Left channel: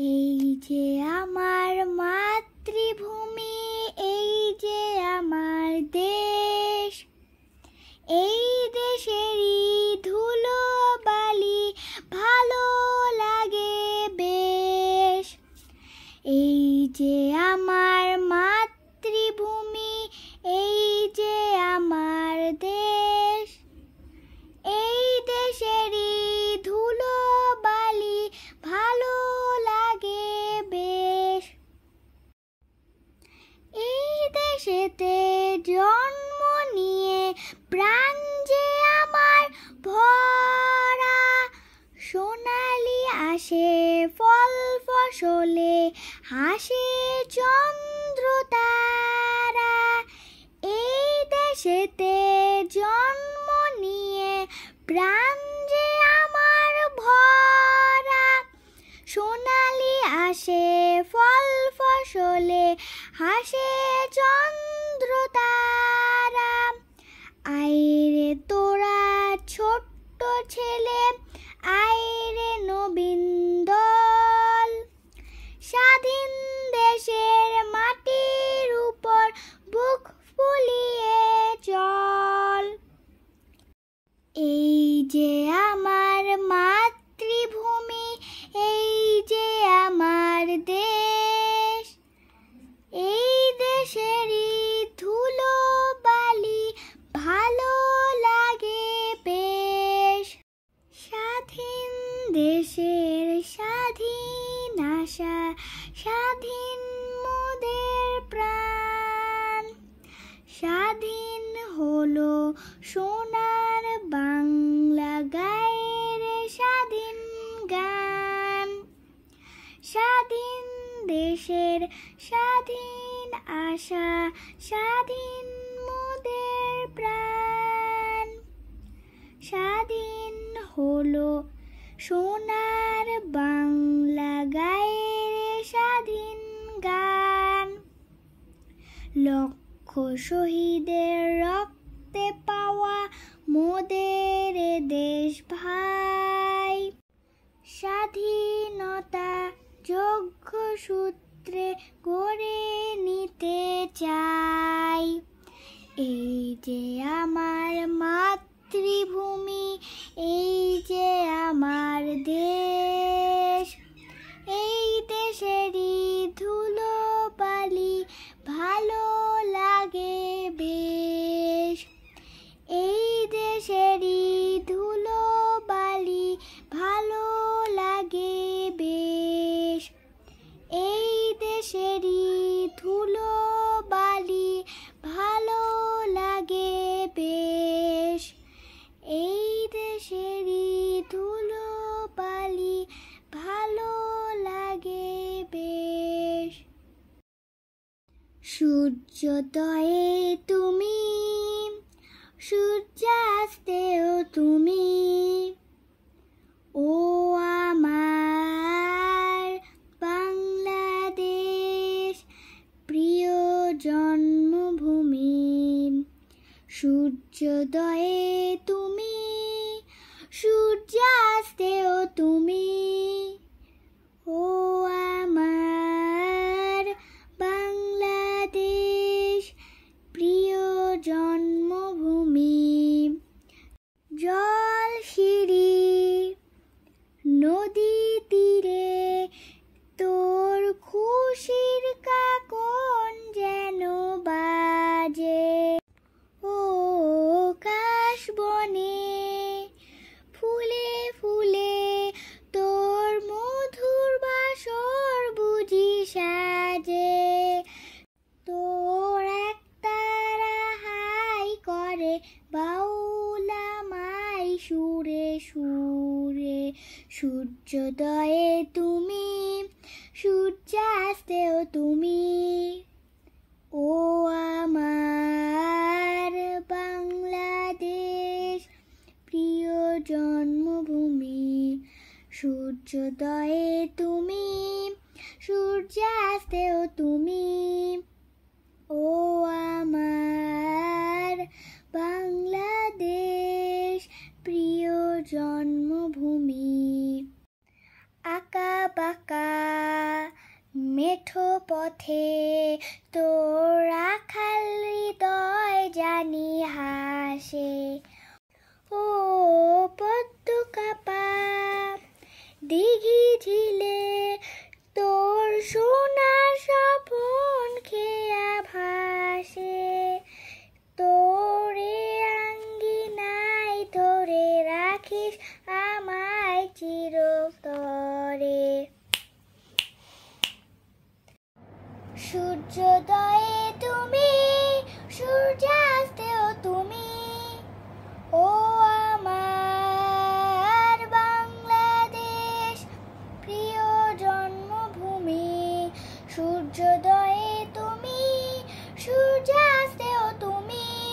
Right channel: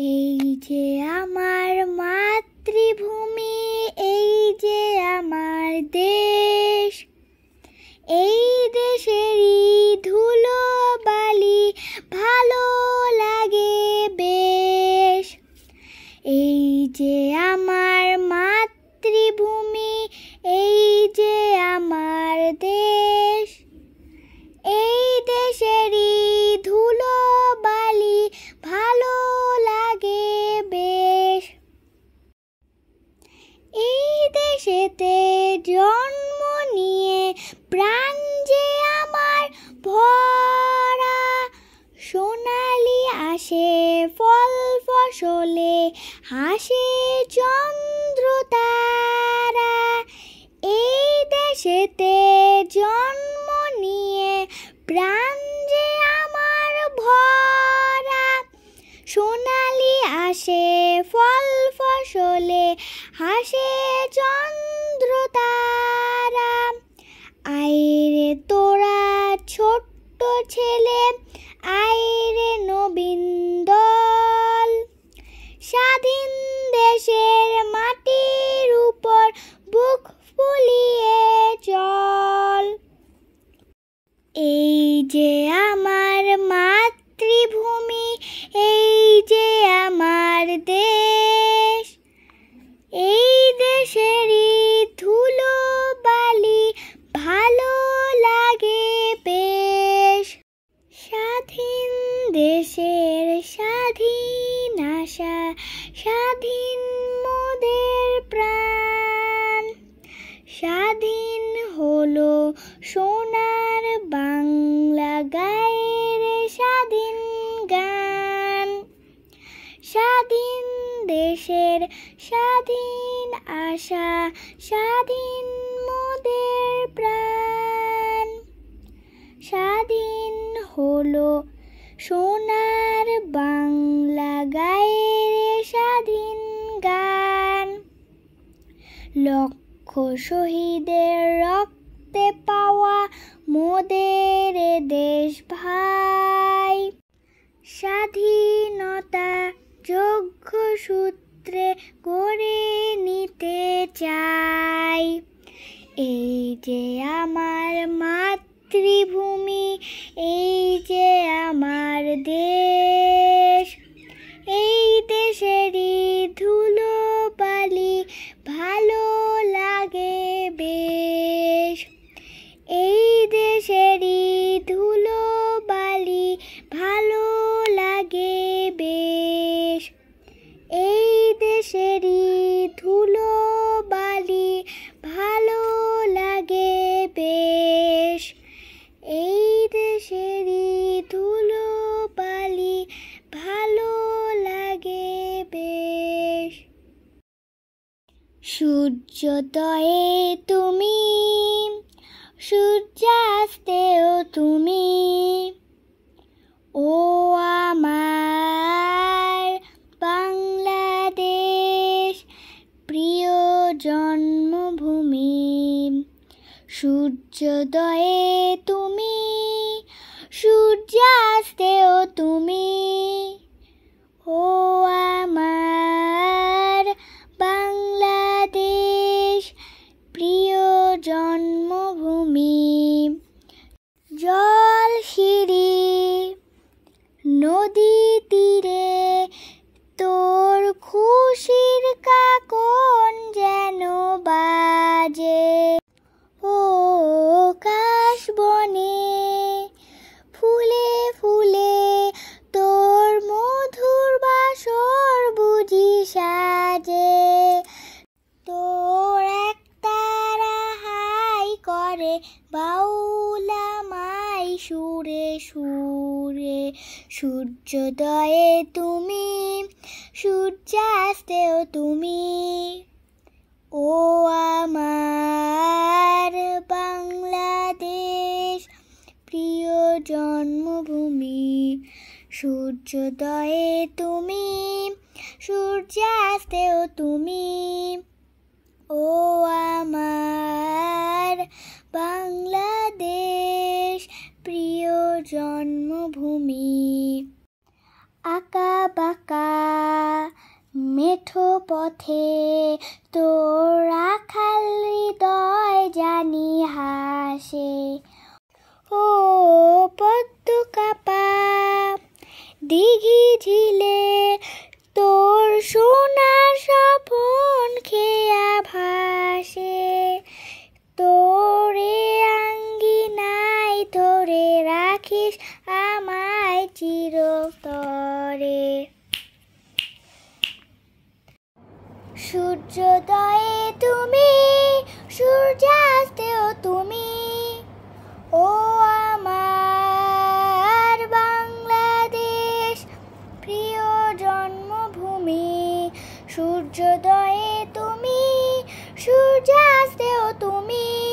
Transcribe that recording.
এই যে আমার মাতৃভূমি, এই যে আমার দেশ, এই দেশেরই ধুলো বালি ভালো লাগে বেশ। এই যে আমার মাতৃভূমি, এই যে আমার দেশ, এই দেশেরই ধুলো বালি ভালো লাগে বেশ। এই দেশেতে জন্ম নিয়ে প্রাণ যে আমার ভরা, সোনালি আসে ফল ফসলে হাসে চন্দ্র তারা। এই দেশেতে জন্ম নিয়ে প্রাণ যে আমার ভরা, সোনালি আসে ফল ফসলে হাসে চন্দ্র তারা। আইরে তোরা ছোট্ট ছেলে, আইরে নবীন দল, স্বাধীন দেশের মাটির উপর বুক ফুলিয়ে চল। এই যে আমার মাতৃভূমি, এই যে আমার দেশ, এই দেশেরই ধুলো বালি ভালো লাগে বেশ। স্বাধীন দেশের স্বাধীন আশা, স্বাধীন মোদের প্রাণ, স্বাধীন হলো সোনার বাংলা গায়ের স্বাধীন গান। স্বাধীন দেশের স্বাধীন আশা, স্বাধীন মোদের প্রাণ, স্বাধীন হলো সোনার বাংলা গায়ের স্বাধীন গান। লক্ষ শহীদের রক্তে পাওয়া মোদের দেশ ভাই, স্বাধীনতা যোগ্য সূত্রে গড়ে নিতে চাই। এই যে আমার মাতৃভূমি, এই যে আমার দেশ, এই দেশেরই ধুলো বালি ভালো লাগে বেশ। এই দেশেরই ধুলো বালি ভালো লাগে বেশ। এই দেশেরই ধুলো বালি ভালো লাগে বেশ। এই দেশেরই ধুলো বালি ভালো লাগে বেশ। সূর্যোদয়ে তুমি, সূর্যাস্তেও তুমি, ও আমার বাংলাদেশ প্রিয় জন্মভূমি। সূর্যোদয়ে তুমি, সূর্যাস্তেও তুমি, ও আমার বাংলাদেশ প্রিয় জন্মভূমি। জল সিঁড়ি নদী তীরে তোর খুশির কাকন যেন বাজে। ও কাশবনে ফুলে ফুলে তোর মধুর বাসর বুঝি সাজে। তোর একতারা হাই করে বাউলা মাই সুরে সুরে। সূর্যোদয়ে তুমি, সূর্যাস্তেও তুমি, ও আমার বাংলাদেশ প্রিয় জন্মভূমি। সূর্যোদয়ে তুমি, সূর্যাস্তেও তুমি, ও আমার বাংলাদেশ প্রিয় জন্মভূমি। আঁকা বাঁকা পথে তোর রাখাল হৃদয় জানি হাসে। ও পদ্ম কাপা দিঘি ঝিলে তোর সোনার স্বপন খেয়া ভাসে। তোরে আঙ্গিনায় ধরে রাখিস আমায় চিরতরে। সূর্যোদয়ে তুমি, সূর্যাস্তেও তুমি, ও আমার বাংলাদেশ প্রিয় জন্মভূমি। সূর্যোদয়ে তুমি, সূর্যাস্তেও তুমি,